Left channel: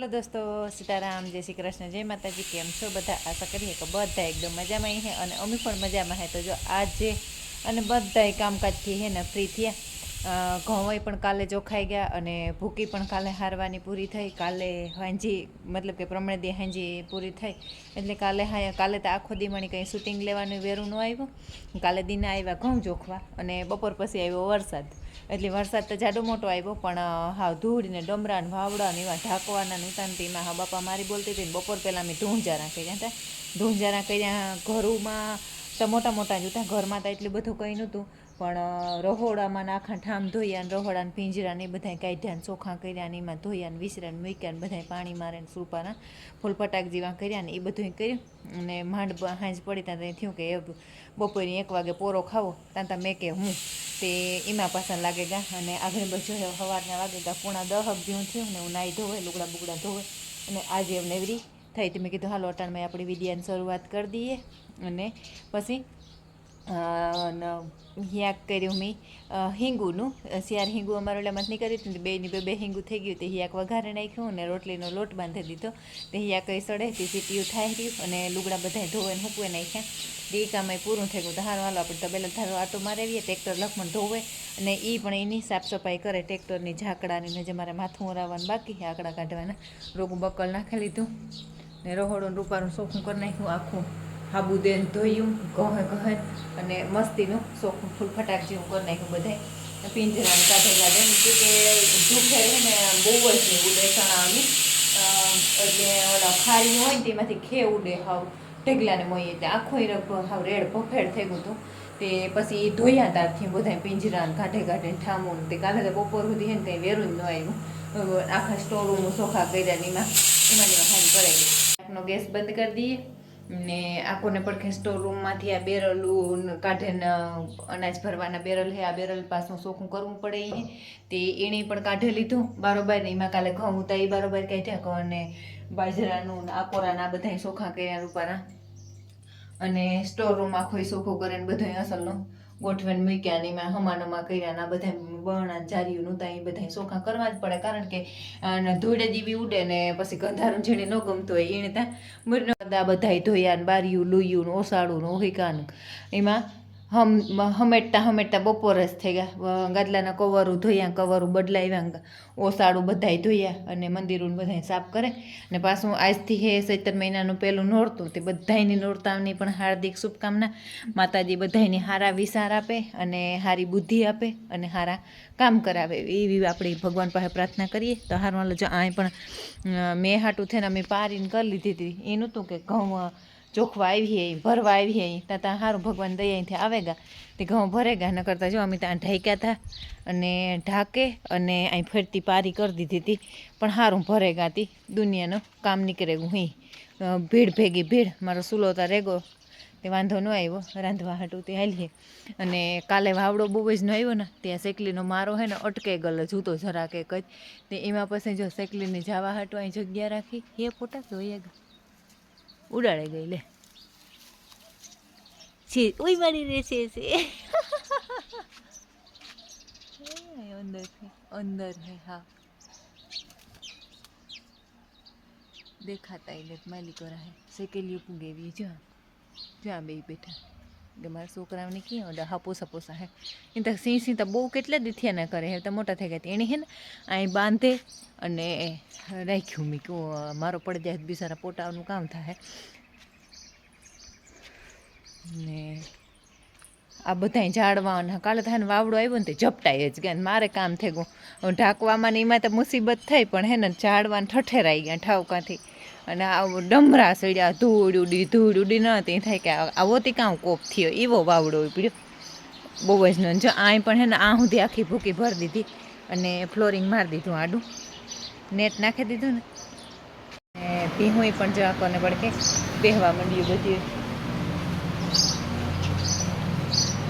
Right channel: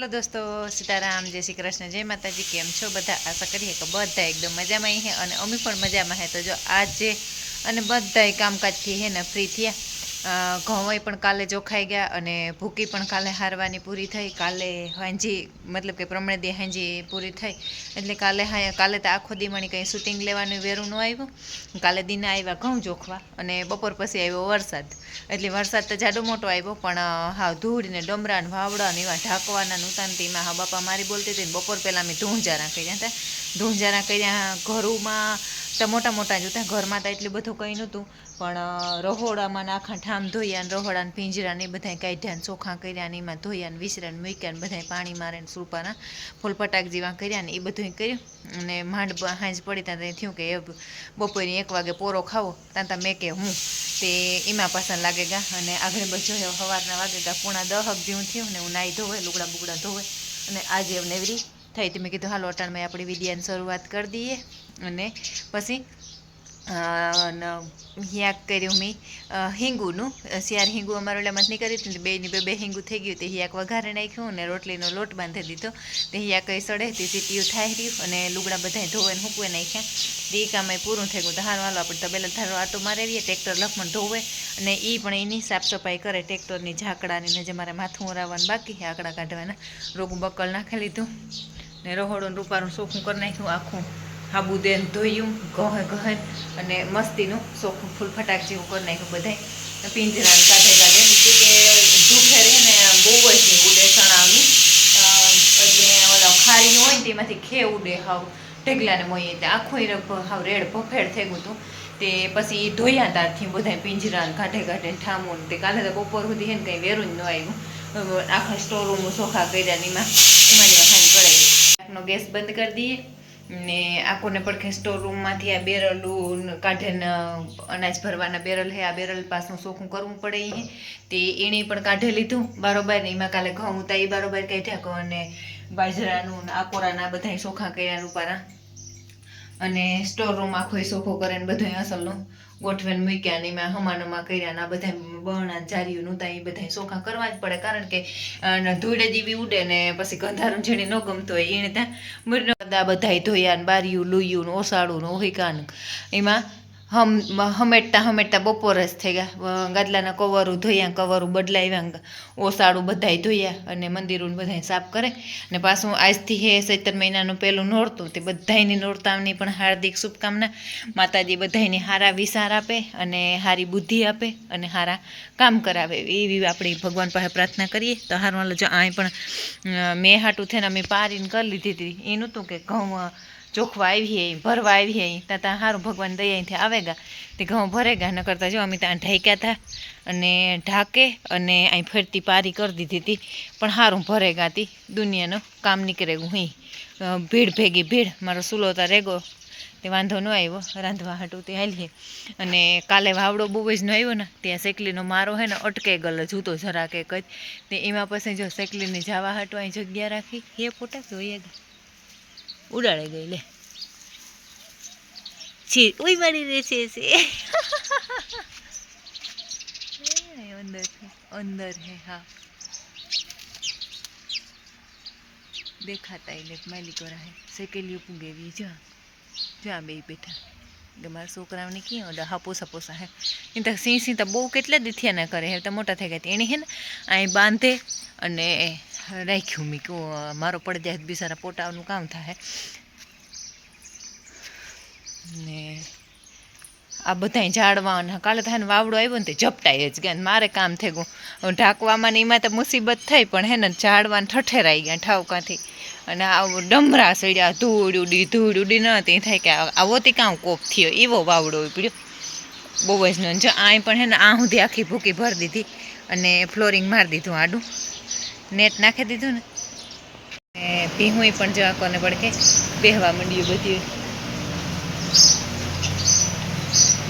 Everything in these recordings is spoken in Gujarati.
हेलो दोस्तों, सीताराम, जय श्री कृष्ण, जय माताजी। केम छो बधा? आशा करिए कि बधा एकदम मजा में है और अमी पण मजा में है। तो जो आज अने बधाय कामकाज थी है ने फ्री थया। घऊँ पण काले जोखाई गया अने भूकी पण काले हारवानी पूरी थई। काले हांजी मतलब के प्रमाणे दी हांजी पूरी थई एटले काले तो आखो दी मणी कई शूटिंग लेवानुं वेरू न आव्युं। काले दिन आव्या घऊँ जोखवा अने बपोर पछी आव्यो वरसाद। एटले वरसाद तो जाडो मोटो आव्यो पण हाव धूळ ने डमरा ने वावड़ा ने एवा ढाकवाना नूतान तेमां हा बापा मारी बोलती थी। बपोर पहेला अमे धूंजारा कर्या हता। धूंजारा कर्या घरोमां तो मोटा मोटा ज हता। घरमां तो एटલું બધું કંઈ નહોતું પણ રહોડામાં આખા ઠામ ધોયા ને રહોડા ને પિંજરા ને બધાય કાઢ્યા ને ચોખ્ખા કર્યા ને એમાં ધોયા ને વિસરા ને મૂક્યા ને બધાય પાણી મારે ને સુરપાના ફૂલ ફટાક જેવા કર્યા ને એ બધું કર્યું અને માંડ હાંજ પડી ત્યાં થયું કે બપોરે 1 વાગે પોરો ખાવો ત્યાં મેં કે હું તે એમાં પાછા લાગે ગા અને આગળ બધું સવારના વાગે ગા 9:30 જેવું થયું ને હું નાહી ધોવે લુગડા બુગડા ધોવે અને આજે નવરી થઈ તો મેં કીધું હાલો અટાણમાં આપણી વિડિયાની શરૂઆત કરી દઈએ અને પછી હિયાક કર્યું મેં હિંગુનું શિયાર હિંગુ અમારે ઓલામાં નહીં કરી હતી બેની બે હિંગુ થઈ ગયું તે હિયાક વઘારે નાખ્યું અને રોટલીનો લોટ બાંધી દીધો તે હિયાક કંઈ સડે તે સીટીયું થાય રહ્યું અને લુગડા બધા ધોવે મૂકવે નાખ્યા તે કામ પૂરું થઈ ગયું. તો હારું હાલો આપણે તબેલા ધારો આટો મારેવીએ ટ્રેક્ટર લખમણ ધોવે અને એ પણ એની સાફ સફાઈ કરે ટ્રેક્ટરની ઝાકડાની ને જે મારે માથું ઓરાવવાનું બાકી છે આકડા કાઢવાના રોગું બકલ નાખી લીધું ને રહોડું રૂપારું ચોખ્ખું કરી નાખ્યું આખું સાબુદેન ધોયું ઘહે અને મસ્તીનું ચોખ્ખું ફૂલ ફટાક જેવું કરી નાખ્યું બધાય પિંજરાને કાઢે નીચે કે ઝૂખેર છે ને બહુ જ નહીં ઉડે ચણાવની એટલે ઓલા ખારી હોય ને તેમાંથી ખે ઉડે હાવ ઢગલાને મોઈએ એટલે આખું હાવ રેડ ભફેડ થઈ ગયું હતું તે પછી એ ધોયા ત્યારથી બધા પિંજરાને કાઢે ઠામું તે કાલે તો બપોર સુધી છે ને કંઈ વેરું જ ન આવ્યું આખા સ્ટોર રૂમ ચોખ્ખા કર્યા ને એમાં હાઈ કરાવી નો ગેસ બંધ કરી દઈએ ને આખોને પડખે સ્ટોર રૂમમાંથી આ બેરલું કાઢે ને અનાજ ભરવાના બેરલ હે આ બેરલ પાસનું ચોખ્ખું કરવું પડે એ તે એણે પણ કાઢી લીધું બારોબાર ને એમાં કાલે ઘઉં હતા એ બારોબાર કાઢ્યા અને બાજરાનું ને આકોરાના બધા ચોખ્ખા કર્યા રૂપારા અને સ્ટોર રૂમ આખો ચોખ્ખો કરે ને બધા અસલનું ગોઠવેને મૂક્યા ને એમાં હમાનોમાં કર્યા ને આ બધા બરણા જારીઓ નહોતા એ બધા ચોખ્ખા કરવા જ પડે કારણ કે ધૂળે જેવી ઉડે ને પછી ગંધારું જેને ન ગમતું હોય એને ત્યાં મુરનોદા બધાય ધોયા ને બારીયું લુયું ને ઓસાડું ને ઓહિકાનું એમાં હમેટતા બપોર જ થઈ ગયા. ગાદલાના કવરું ધોયા કવરું બદલાવ્યા ઓસાડું બધાય ધોયા અને મંદિરોને બધાય સાફ કરે ને પાછું આજથી હે ચૈત્ર મહિનાનું પહેલું નોરતું તે બધાયની નોરતાની પણ હાર્દિક શુભકામના. માતાજી બધાયને હારા વિચાર આપે અને હારી બુદ્ધિ આપે અને હારા કામ કરાવે એવી આપણી ભગવાન પાસે પ્રાર્થના કરીએ. તો હારું હાલો જો આ પણ મેં હાટું થઈને અમે પારીને કરી લીધી હતી એ નહોતું કે ઘઉં ચોખવા આવીએ ભરવા આવીએ ત્યાં સારું ભગવાન દયાથી આવેગા તે ઘઉં ભરેગા ન કરતા જો અમે ત્યાં ઢાંક્યા હતા અને ઢાંકે અને અહીં ફરતી પારી કરી દીધી હતી પણ સારું ભરેગા હતી દુનિયાનું કામ નીકળે હું ભીડ ભેગી ભીડ મારો સુલો તો રેગો તે વાંધો ન આવ્યો રાંધવા હાટું તે હાલીએ અને કાલે વાવડો બહુ જ ન આવ્યો ને ત્યાં સેકલીનો મારો હે ને અટકે ગયેલો જૂતો જરાક એક જ તે એમાં પછી જો સેકલીને જવા હાટું અહીં જગ્યા રાખી એ ફોટા જોઈએ ઉડાડે ગઈ લે છે ઓય મારી રે છે અંદર હે હા દેખાતા એટલે માલિક વાળા હે સેકેલીઓ પૂગેવી જ્યાં બે બેઠા કે મારા છોકરાઓને ક્યાં ઓડા હાપોસા હે એ તો સિંહ તો બહુ કેટલા દીથિયા ના કરે હે તો મોટા થઈ ગયા એણે હે ને અહીં બાંધે અને રાખ્યું મેં કહું મારો પડી જાય બિચારા પોટાનું કામ થાય ને આ બધા ઝાડવા કાલે થાય ને વાવડો આવ્યો ને તે ઝપટાઈ જ ગયા મારે કામ થઈ ગયું ઢાંકવામાં ને એમાં તો મુસીબત થઈ પણ હે ને ઝાડવાને ઠઠેરાઈ ગયા ઠાવકાથી અને આવું ડમરા સડ્યા ધૂળ ઉડી ન તે થાય કે આવોથી કામ કોપ થયો એવો વાવડો ઉપડ્યો બહુ જ ન જો આ પણ હે ને આ સુધી આખી ભૂકી ભરી દીધી અને ફ્લોરિંગ મારી દીધું આડું નેટ નાખી દીધું ને ભીહું પણ જો આકોને પડકે બેહવા માંડ્યું બધું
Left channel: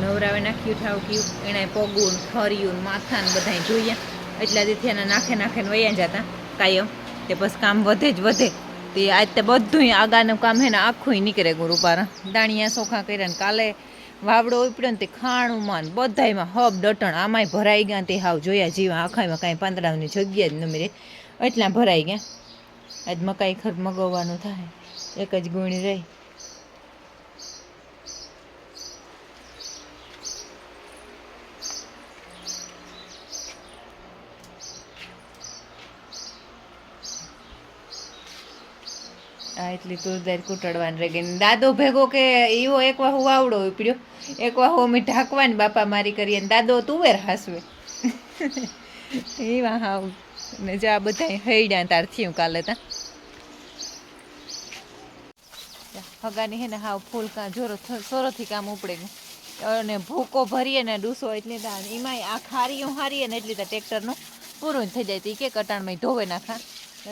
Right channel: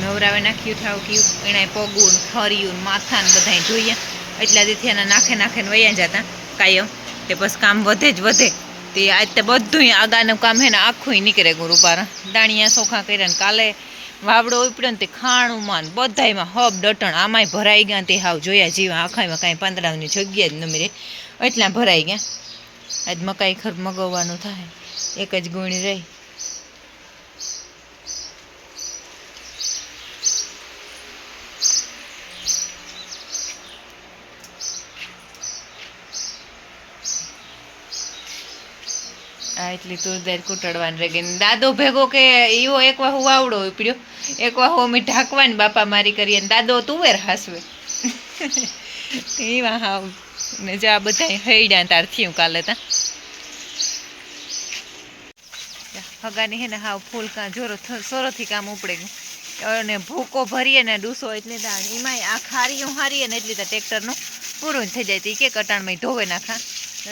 નવરાવે નાખ્યું ઠાવક્યું એણે પગું ખર્યું માથા ને બધા ધોયા એટલા દીથી એના નાખે વયા જતા કાયમ તે બસ કામ વધે જ વધે તે આજ તો બધું આગાનું કામ હે ને આખું નીકળે ગુરુપારા દાણિયા ચોખા કર્યા ને કાલે વાવડો ઉપડ્યો ને તે ખાણુંમાં બધામાં હબ ડટણ આમાંય ભરાઈ ગયા તે હાવ જોયા જીવા આખામાં કાંઈ પાંદડાની જગ્યા જ ન મળે એટલા ભરાઈ ગયા આજ મકાઈ ખર મગાવવાનું થાય, એક જ ગુણી રહી. આ એટલી તુરદાર કૂટડવાની રહી ગઈ. દાદો ભેગો કે એવો એક વાહુ વાવડો ઉપડ્યો, એક વાહુ અમે ઢાંકવાની બાપા મારી કરીએ, દાદો તુવેર હાસવે એવા હાવ. ને જો આ બધા હૈડા તાર થયું કાલે તા હગાની હે ને હાવ ફૂલ જોરો સોરોથી કામ ઉપડે ગયું. અને ભૂકો ભરીએ ને ડૂસો એટલે એમાંય આ ખારીયું હારીએ ને એટલી ટ્રેક્ટરનું પૂરું જ થઈ જાય. તો એ કે કટાણમાં ધોવે નાખા,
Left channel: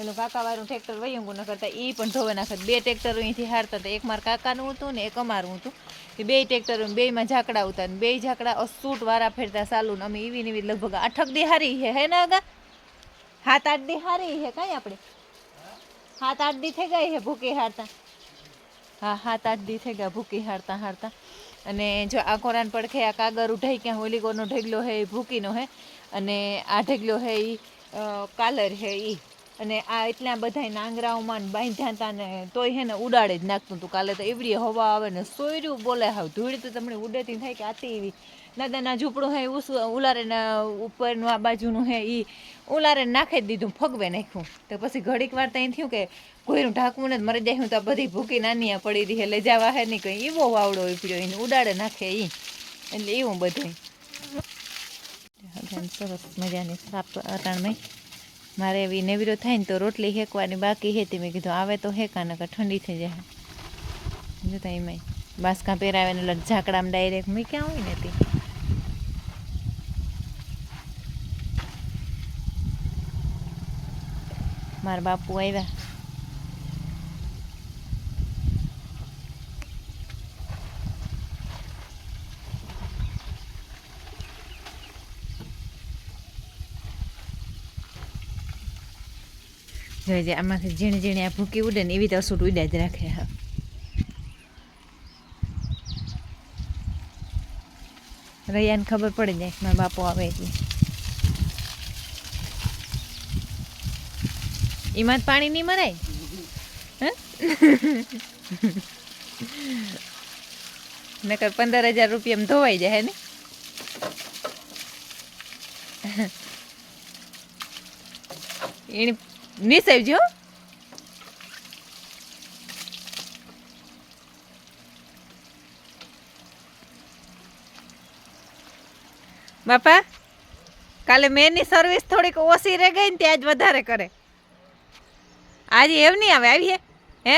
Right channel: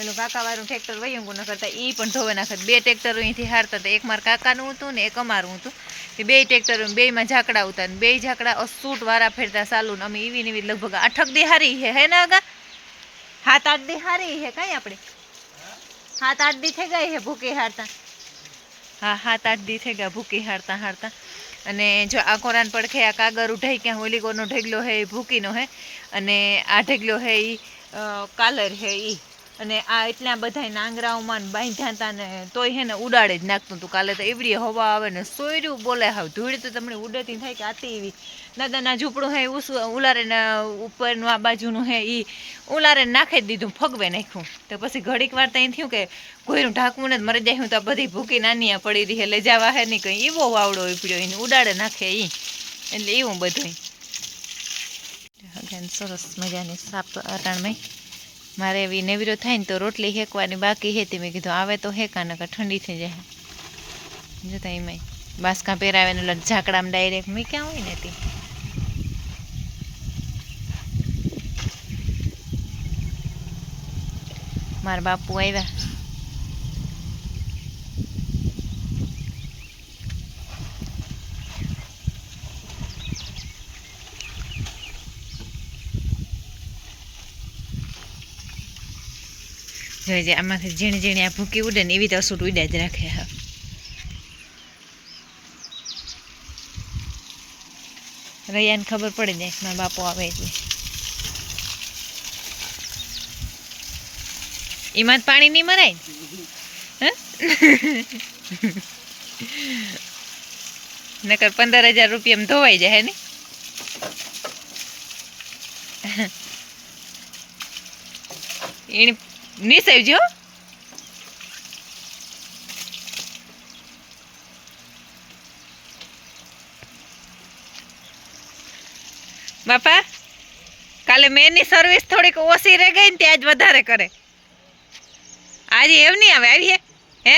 એનું કાકાવાળું ટ્રેક્ટર વયંગું ન કરતા એ પણ ધોવે નાખે. 2 ટ્રેક્ટરો અહીંથી હારતા હતા, એક મારા કાકાનું હતું ને એક અમારું હતું. એ 2 ટ્રેક્ટરો 2માં ઝાકડા ઉતા ને 2 ઝાકડા અસૂટ વારા ફેરતા ચાલુ ને અમે એવી ને એવી લગભગ 8 દી હારી હે ને આગા 7-8 દી હારી હે કાંઈ આપણે 7-8 દી થઈ ગઈ હે ભૂકી હારતા. હા 7-8 દી થઈ ગયા ભૂકી હારતા હારતા. અને જો આ કોરાન પડખે આ કાગર ઉઠાઈ ક્યાં હોલીગોનો ઢેગલો હે એ ભૂકીનો હે, અને આ ઢેગલો હે એ કાલર હે એ. અને આ એટલા બધા નાંગરાઓમાં બાંધ્યા હતા ને તોય હે ને ઉડાડે જ નાખતું હતું. કાલે તો એવડી હવા આવે ને સોયર્યું બોલે હાવ ધૂળ તો તમને ઉડેતી થાય કે આતી એવી. દાદાના ઝૂંપડું હે ઉલારે ઉપરનું આ બાજુનું હે એ ઉલારે નાખી જ દીધું, ફગવે નાખ્યું. તો પછી ઘડીક વાર ત્યાં થયું કે કોઈનું ઢાંકવું ને મરી જાય. હું તો બધી ભૂકી નાની પડી રહી એટલે જવા હે નહીં કંઈ એવો વાવડો ઉપડ્યો એને ઉડાડે નાખે એ. એટલે એવું બધું સરસ મજાની સાપ અટાણમાં. મારે એવી નેવરો થાય ને તો રોટલી હેકવાની બાકી હતી. મેં કીધું આવે તો હેકા નકર ઠંડી થઈ જાય. જોતા એમાં બાસકા પહેરાવે ને ઝાકડામાં ડાયરેક્ટ મૂક્યા હોય ને તે. મારા બાપુ આવ્યા. જોઈ આમાંથી ઝીણી ઝીણી આ ભૂકી ઉડે ને એવી તો અસૂટ ઉડ્યા જ રાખે. હા રૈયાને ખબર પડી જાય મારા બાપુ આવે એટલે. એમાં જ પાણી નહીં મરાય ને નકર 15,000 રૂપિયામાં ધોવાઈ જાય ને. એને નિસાવજો બાપા. કાલે મેની સર્વિસ થોડીક ઓછી રહી ગઈ ને ત્યાં જ વધારે કરે. આજે એમ નહીં આવે આવી હે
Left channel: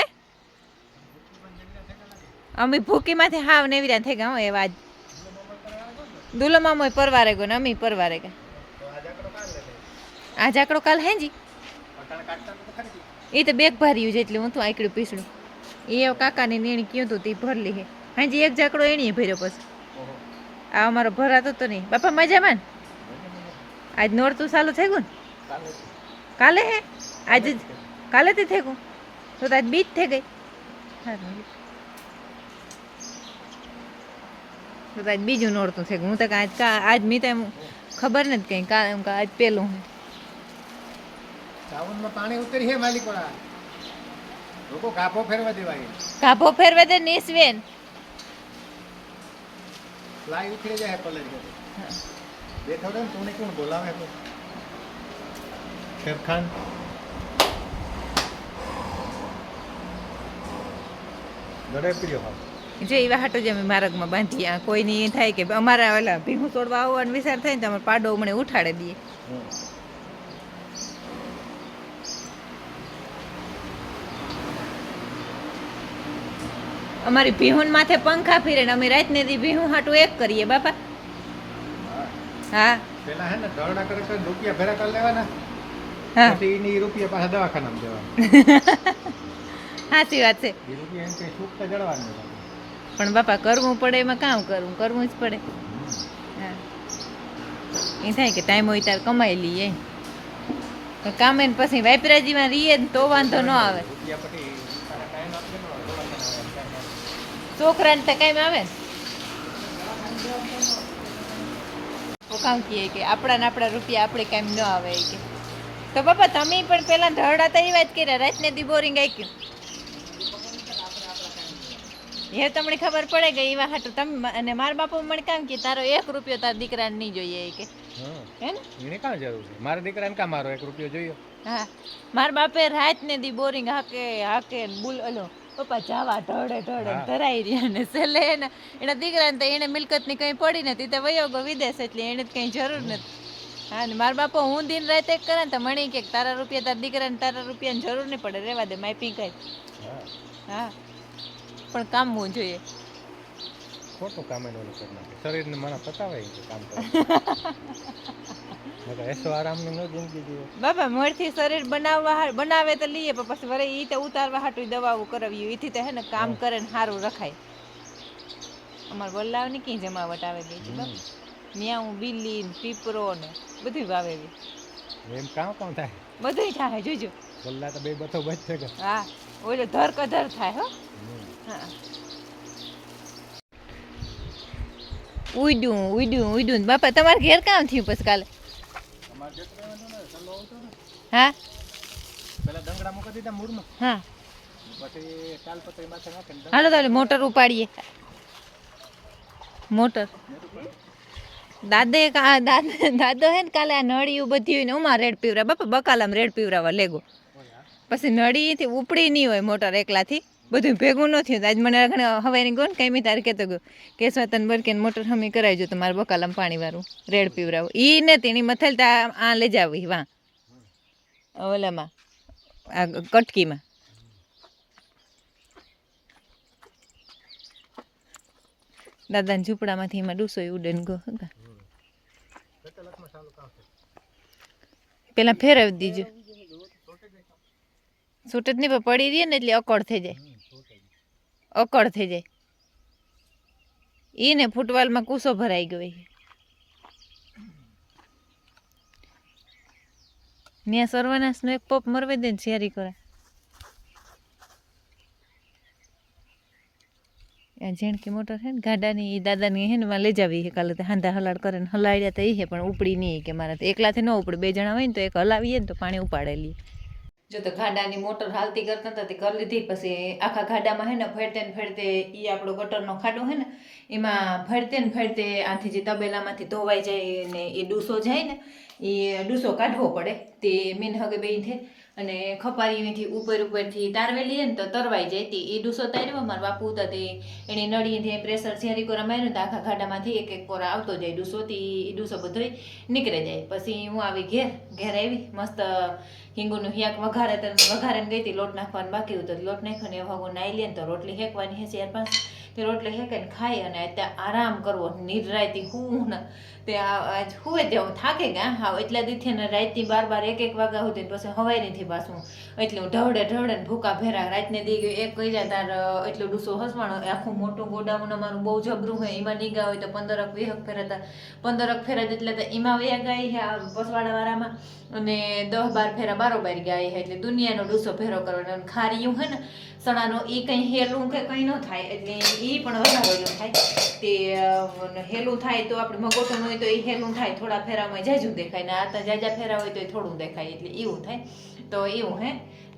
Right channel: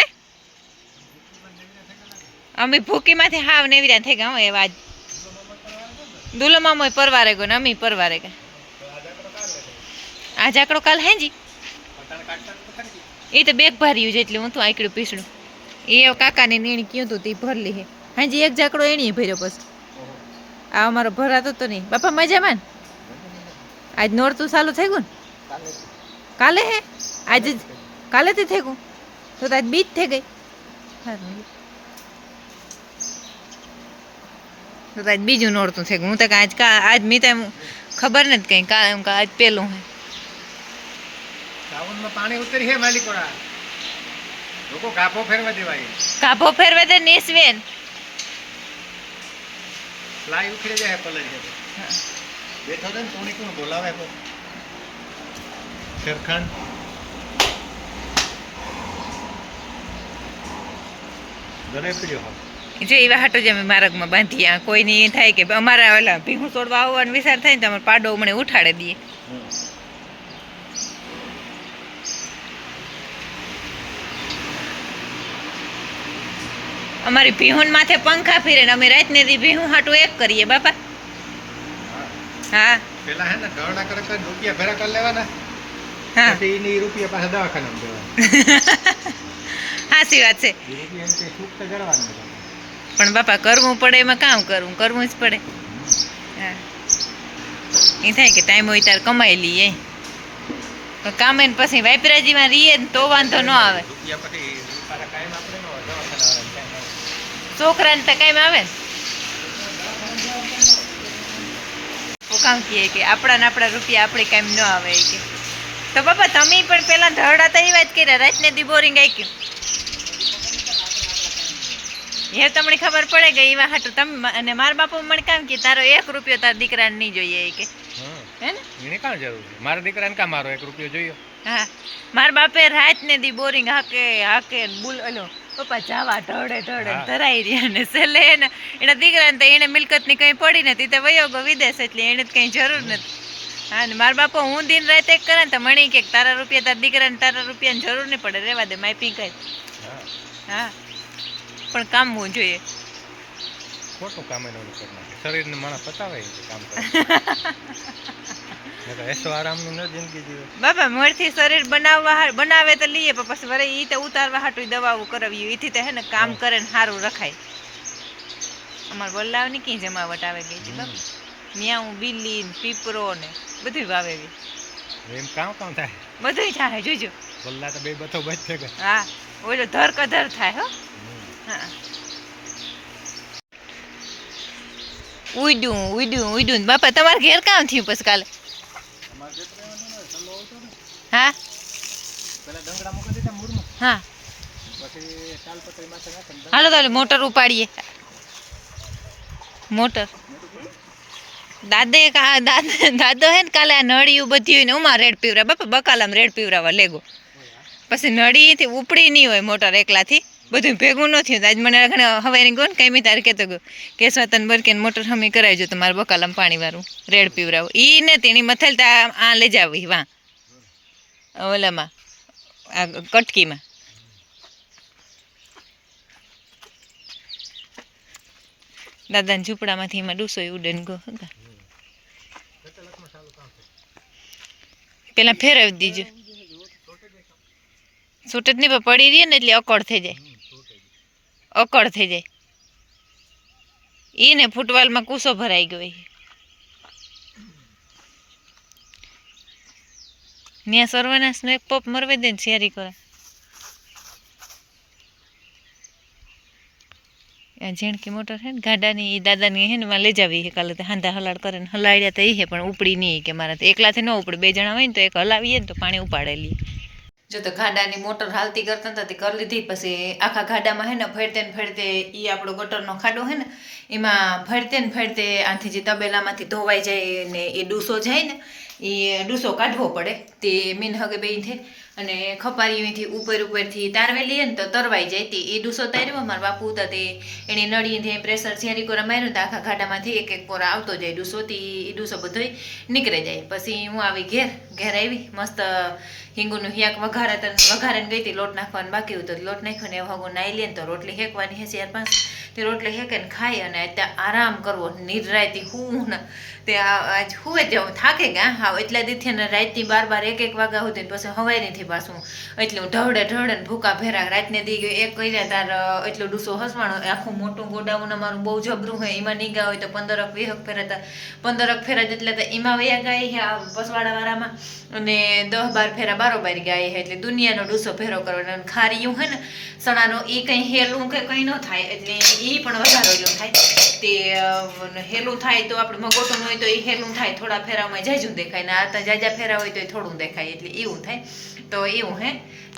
અમે ભૂકીમાંથી હાવ નેવીરા થઈ ગયા. એવા આજ દુલો મામો પરવારે ગયો ને અમે પરવારે ગયા. આ ઝાકડો કાલ હેજી એ તો બેગ ભર્યું છે એટલે હું તો આંકડું પીસડું એ કાકાને નીણી કયું હતું તે ભરલી હે. હાજી એક ઝાકડો એની ભર્યો પછી આ અમારો ભરાતો તો નહીં. બાપા મજામાં ને? આજ નોરતું ચાલુ થઈ ગયું ને? કાલે હે આજે કાલે થી થઈ ગયું તો આજ બીજ થઈ ગઈ. તો આજ બીજું નોરતું થઈ ગયું. હું તો આજ મી તો ખબર નથી કઈ આજ પેલું હે. સાવનમાં પાણી ઉતરી હે માલિકોડા લોકો કાપો ફેરવા દેવાય. કાપો ફેરવા દે નેસવેન ફ્લાય ઉખડે જાય પલર છે. બેઠો ને તુણી કોણ બોલાવે તો શેરખાન દરે પીડ્યો હા. જો એવા હાટો જ અમે માર્ગમાં બાંધીએ. કોઈની એ થાય કે અમારા ઓલા ભીહું છોડવા આવવાનો વિચાર થાય ને તો અમારે પાડો મને ઉઠાડે દઈએ. અમારી ભીહુન માથે પંખા ફીરે ને અમે રાતને દી ભીહું હાટું એક કરીએ બાપા. હા પેલા હે ને ગરડા કરે તો રૂપિયા ભેરા કરી લેવાના. હા પછી એની રૂપિયા પાછા દવાખાનામાં દેવાના. સાચી વાત છે. રૂપિયા એમ કે સુખ તો જડવાનું પણ બાપા કરવું પડે એમાં કામ કરવું જ પડે. હા એ થાય કે ટાઈમ હોય ત્યારે કમાઈ લઈએ તો કામે ને પછી વાપરાજીમાં રહીએ ને તો વાંધો ન આવે. રૂપિયા પછી કાયમ આપણે નો દવાખાના છોકરાને તો કાંઈ આવે ને કામ કહીએ કે આપણા રૂપિયા આપણે કાંઈ ન આવે કે તો બાપા તમે પણ પેલા ઢળાતા એ વાત કર્યા રાતને દી બોરિંગ આક્યું એ તમને ખબર પડે કે એવા હાટું તમે અને મારા બાપુ મને કામ કે તારો 1 રૂપિયો તાર દીકરાને નહીં જોઈએ એ કે હે ને એને કાં જરૂર છે મારા દીકરાને કાં મારો 1 રૂપિયો જોયો હા મારા બાપે રાતને દી બોરિંગ હાકે બુલ ઓલો પપ્પા જાવા ઢળે ધરાઈ રહ્યા ને છેલ્લે એના દીકરાને તો એને મિલકતની કંઈ પડી નથી તો વયો ગયો વિદેશ એટલે એને તો કંઈ જરૂર નથી હા ને મારા બાપા હું દિન રાત એક કરે ને તો મને કે તારા રૂપિયા તારા દીકરાને તારા રૂપિયાની જરૂર નહીં પડે રહેવા દે માઇપિંગ કઈ હા પણ કામવું જોઈએ ખોટું કામ એનું કરી નાખે શરીરને માણસ પતાવે છે કામ કરે નકર એસો આરામનું ન જિંદગી જીવે બાપા મોરથી શરીર બનાવે તો લઈએ પણ પછી વરે ઈ તો ઉતારવા હાટું દવાઓ કરાવ્યું એથી તો હે ને કામ કરે ને સારું રખાય અમાર બોલાવની કઈ જમાવટ આવે ગઈ હતી બાપા ન્યા હું બિલ્લી ને પીપરો ને બધું વાવેવી એમ કામ થાય બધું થાય જોજો બોલ્લા તો બે બથો બચ છે હા ઓલો ધર કધર થાય હો હા ઉડ્યું બાપા તમારે ઘેર કામ થયું પછી કાલે હા પેલા ડંગડા મૂકી દીધા મૂળમાં હા પછી તાલપત્રી માથે નાખે હાલો તો મોટર ઉપાડીએ મોટર દાદો હે ને કાલે આ નળિયું બધી હોય ને ઉમાં રેડ પીવરા બાપા બકાલામ રેડ પીવરાવા લેગો પછી નળીથી ઉપડી નહીં હોય મોટર એકલાથી બધું ભેગું ન થયું આજ મને હવે એની ગો ને કંઈ તારે કહેતો ગયો કે સ્વતન બરકે મોટર હમી કરાવજો તમારે બકાલામ પાણીવાળું રેડ પીવરાવો એ નથી એની મથલતા આ લઈ જાવી વાં ઓલામાં આ કટકીમાં દાદાને ઝૂંપડામાંથી એમાં ડૂસો ઉડે ને ગો હતા પેલા ફેરવી દીજો છૂટ જ નહીં પડી રહીએ ને એટલે અકળ થઈ જાય ઈ ને ફૂટવાલમાં કૂસો ભરાઈ ગયો ત્યાં સર્વનાશનો એક પપ મરવી દે ને શેરી કરો ઝેણકી મોટર હે ને ગાડાની એ દાદાની હે ને માં લઈ જાવી કાલે તો હાંધા હલાડ કરે ને હલાડ્યા તો એ હે પણ ઉપડી નહીં કે મારા તો એકલાથી ન ઉપડે 2 જણા હોય ને તો એક હલાવીએ ને તો પાણી ઉપાડેલી જો તો ગાડાની મોટર હાલતી કરતા હતા તે કરી લીધી પછી આખા ગાડામાં હે ને ફેરતે એ આપણો ગટરનો ખાડો હે ને એમાં ફેરતે આથી જે તબેલામાંથી ધોવાઈ જાય ને એ ડૂસો જાય ને એ ડૂસો કાઢવો પડે તે મીન હગે બેથી અને ખપારીથી ઉપરથી તારવેલી ને તો તરવાઈ જાય તે એ ડૂસો તાર્યો મારા બાપુ હતા તે એની નળીથી પ્રેશર ઝેરી કોરા માર્યું તો આખા ગાડામાંથી એક કોરા આવતો જાય ડૂસો તે એ ડૂસો બધો નીકળી જાય પછી હું આવી ઘેર આવી મસ્ત હિંગુનું હિયાક વઘારે ગઈ હતી લોટ નાખવાનું બાકી હતું તો લોટ નાખ્યો ને એ હગું નાઈ લે ને તો રોટલી હેકવાની હે 4-5 તે રોટલી હેકે ને ખાઈ અને ત્યાં આરામ કરવો નિરાયતી હું ને તે આજ હુએ જવું થાકે ગયા હા એટલા દીથી ને રાતની 12-1 વાગ્યા સુધી પછી હવાઈ નથી પાછું એટલું ઢળે ને ભૂકા ભેરા રાતને દી ગયો એક કર્યા તાર એટલું ડૂસો હસવાનો આખું મોટું ગોડાઉન અમારું બહુ જબરું હોય એમાં નીગા હોય તો 15-20 ફેરા હતા 15 ફેરા જેટલા તો એમાં વયા ગયા પસવાડાવાળામાં અને 10-12 ફેરા બારોબાર ગયા એટલે દુનિયાનો ડૂસો ફેરો કરવાનો અને ખારીયું હે ને સણાનો એ કંઈ હેલું કે કંઈ ન થાય એટલે એ પણ વધારો એટલું થાય તે હેલું થાય તો આપણે મગોટું હોય તો એ હેલું થાય થોડા ફેરામાં જાજું દેખાય ને આ તો જાજા ફેરા હોય તો એ થોડું દેખાય એટલે એવું થાય તો એવું હે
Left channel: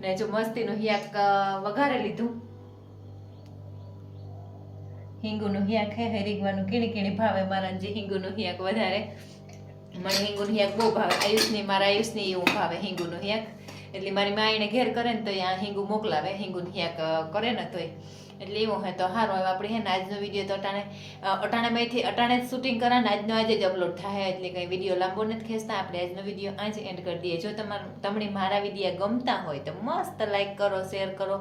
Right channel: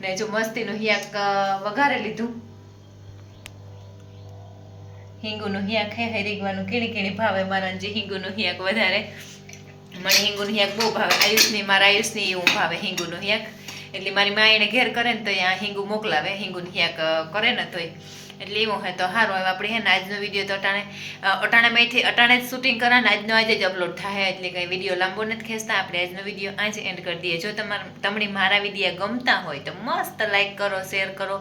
ને જો મસ્તીનું હિયાક વઘારે લીધું હિંગુનું હિયાક હે રીગવાનું કીણી ભાવે મારા જે હિંગુનું હિયાક વધારે મને હિંગુનું હિયાક બહુ ભાવે મારા આયુષની એવું ભાવે હિંગુનું હિયાક એટલે મારી મા એને ઘેર કરે ને તો આ હિંગુ મોકલાવે હિંગુનું હિયાક કરે ને તોય એટલે એવું હોય તો સારું હવે આપણે હે ને આજનો વિડીયો તો અટાણે જ શૂટિંગ કરવાને આજે જ અપલોડ થાય એટલે કંઈ વિડીયો લાંબો નથી ખેંચતા આપણે આજનો વિડીયો આજે એન્ડ કરી દઈએ જો તમને મારા વિડીયો ગમતા હોય તો મસ્ત લાઈક કરો શેર કરો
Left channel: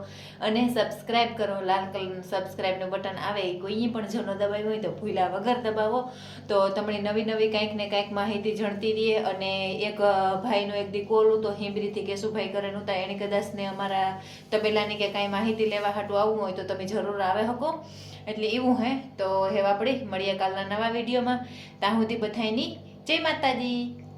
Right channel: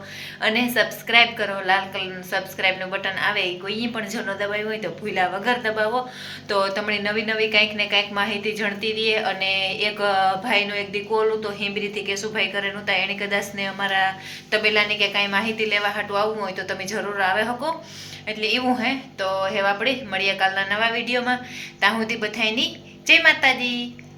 અને સબસ્ક્રાઈબ કરો લાલ કલરનું સબસ્ક્રાઈબનું બટન આવે એ કોઈ પણ જો ન દબાવ્યું હોય તો ભૂલા વગર દબાવો તો તમને નવી કંઈક ને કંઈક માહિતી જણતી રહીએ અને એક ભાઈનું એક દી કોલું તો હિમરીથી કેશુભાઈ કરેલું તો એને કદાચ ને અમારા તબેલાની કે કાંઈ માહિતી લેવા હાટું આવવું હોય તો તમે જરૂર આવે શકો એટલે એવું હે તો હવે આપણે મળીએ કાલના નવા વિડીયોમાં ત્યાં સુધી બધાયની જય માતાજી.